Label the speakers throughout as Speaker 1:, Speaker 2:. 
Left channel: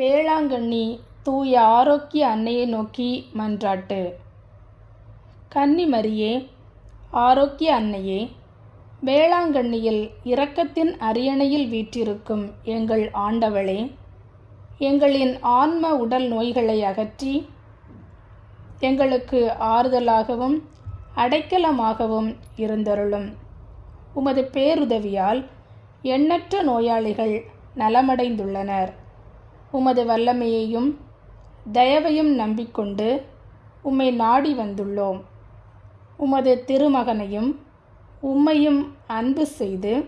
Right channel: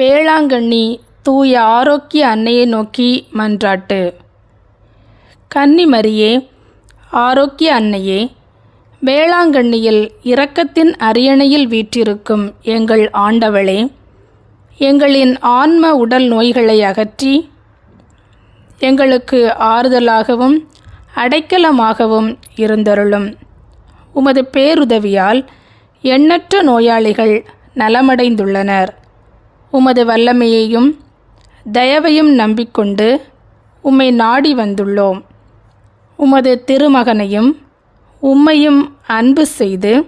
Speaker 1: வேளாங்கண்ணி தூய ஆரோக்கிய அன்னையை நோக்கி மன்றாட்டு. கன்னிமரியே ஆரோக்கிய அன்னையே வேளாங்கண்ணியில் இரக்கத்தின் அரியணையில் வீற்றிருக்கும் எங்கள் ஆண்டவளே எங்களின் ஆன்ம உடல் நோய்களை அகற்றி எங்களுக்கு ஆறுதலாகவும் அடைக்கலமாகவும் இருந்தருளும். உமது பேருதவியால் எண்ணற்ற நோயாளிகள் நலமடைந்துள்ளனர். உமது வல்லமையையும் தயவையும் நம்பிக்கொண்டு உம்மை நாடி வந்துள்ளோம். உமது திருமகனையும் உம்மையும் அன்பு செய்து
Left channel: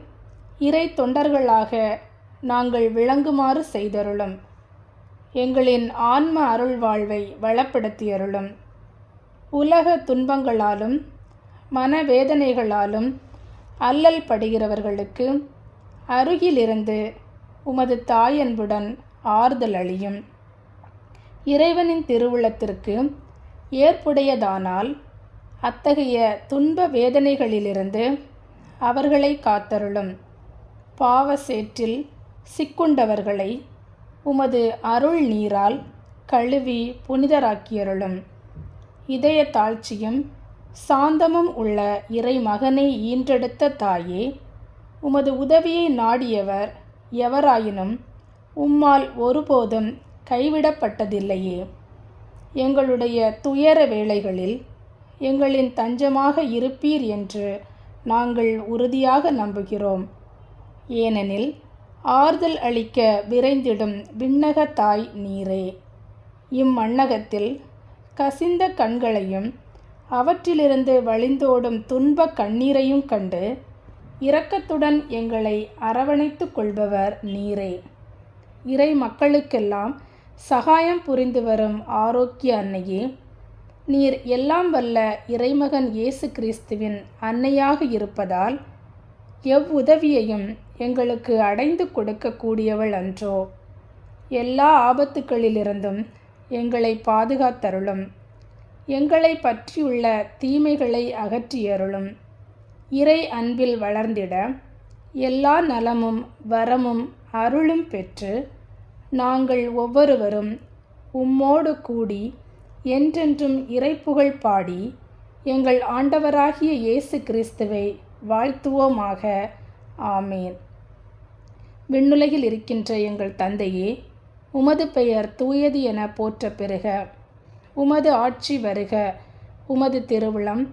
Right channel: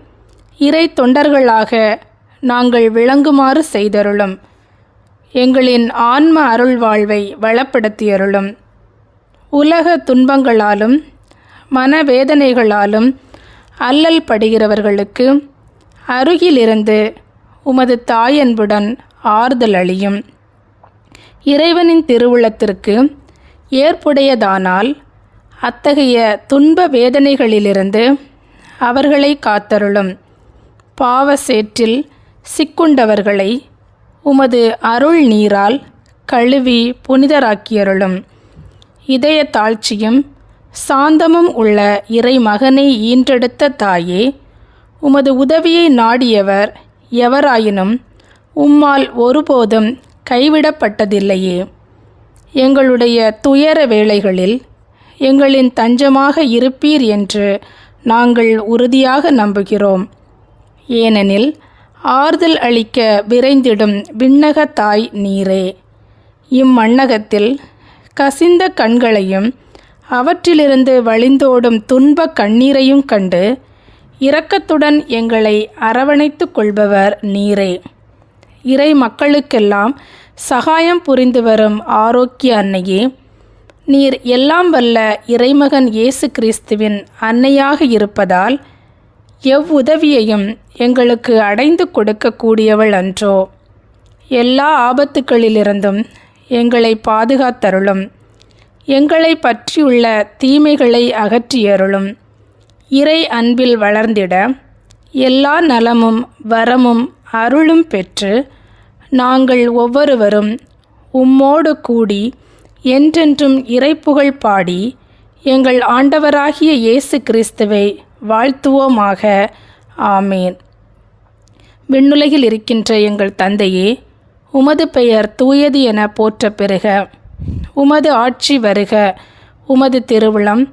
Speaker 1: இறை தொண்டர்களாக நாங்கள் விளங்குமாறு செய்தருளும். எங்களின் ஆன்ம அருள் வாழ்வை வளப்படுத்தியருளும். உலக துன்பங்களாலும் மனவேதனைகளாலும் அல்லல் படுகிறவர்களுக்கு அருகிலிருந்து உமது தாயன்புடன் ஆறுதல் அளியும். இறைவனின் திருவுளத்திற்கு ஏற்புடையதானால் அத்தகைய துன்ப வேதனைகளிலிருந்து அவர்களை காத்தருளும். பாவ சேற்றில் சிக்குண்டவர்களை உமது அருள் நீரால் கழுவி புனிதராக்கியருளும். இதய தாழ்ச்சியும் சாந்தமும் உள்ள இறை மகனை ஈன்றெடுத்த தாயே உமது உதவியை நாடியவர் எவராயினும் உம்மால் ஒருபோதும் கைவிடப்பட்டதில்லையே. எங்களுடைய துயர வேளைகளில் எங்களின் தஞ்சமாக இருப்பீர் என்று நாங்கள் உறுதியாக நம்புகிறோம். ஏனெனில் ஆறுதல் அளிக்க விரைந்திடும் விண்ணக தாய் நீரே. இம்மண்ணகத்தில் கசிந்த கண்களையும் அவற்றிலிருந்து வழிந்தோடும் துன்ப கண்ணீரையும் கண்டு இரக்கத்துடன் எங்களை அரவணைத்து கொள்பவர் நீரே. இறை மக்களுக்கெல்லாம் சகாயம் புரிந்து வரும் ஆரோக்கிய அன்னையே. நீர் எல்லாம் வல்ல இறைமகன் இயேசு கிறிஸ்துவின் அன்னையாக இருப்பதால் எவ்வுதவியையும் எங்களுக்கு அடைந்து கொடுக்கக்கூடியவள் அன்றோ. எல்லா ஆபத்துக்களிலிருந்தும் எங்களை பாதுகாத்தருளும். எங்களை பற்றியுள்ள தீமைகளை அகற்றியருளும். இறை அன்பில் வளர்ந்திட எல்லா நலமும் வரமும் அருளும் பெற்று நாங்கள் ஒவ்வொருவரும் உம்மோடு கூடி என்றென்றும் இறைப்புகழ் பாடி எங்கள் ஆண்டவராகிய இயேசு கிறிஸ்துவை வாழ்த்துவோமாக. ஆமேன். விண்ணுலகில் இருக்கின்ற எங்கள் தந்தையே உமது பெயர் தூயது என போற்ற பெறுக. உமது ஆட்சி வருக. உமது திருவிழம்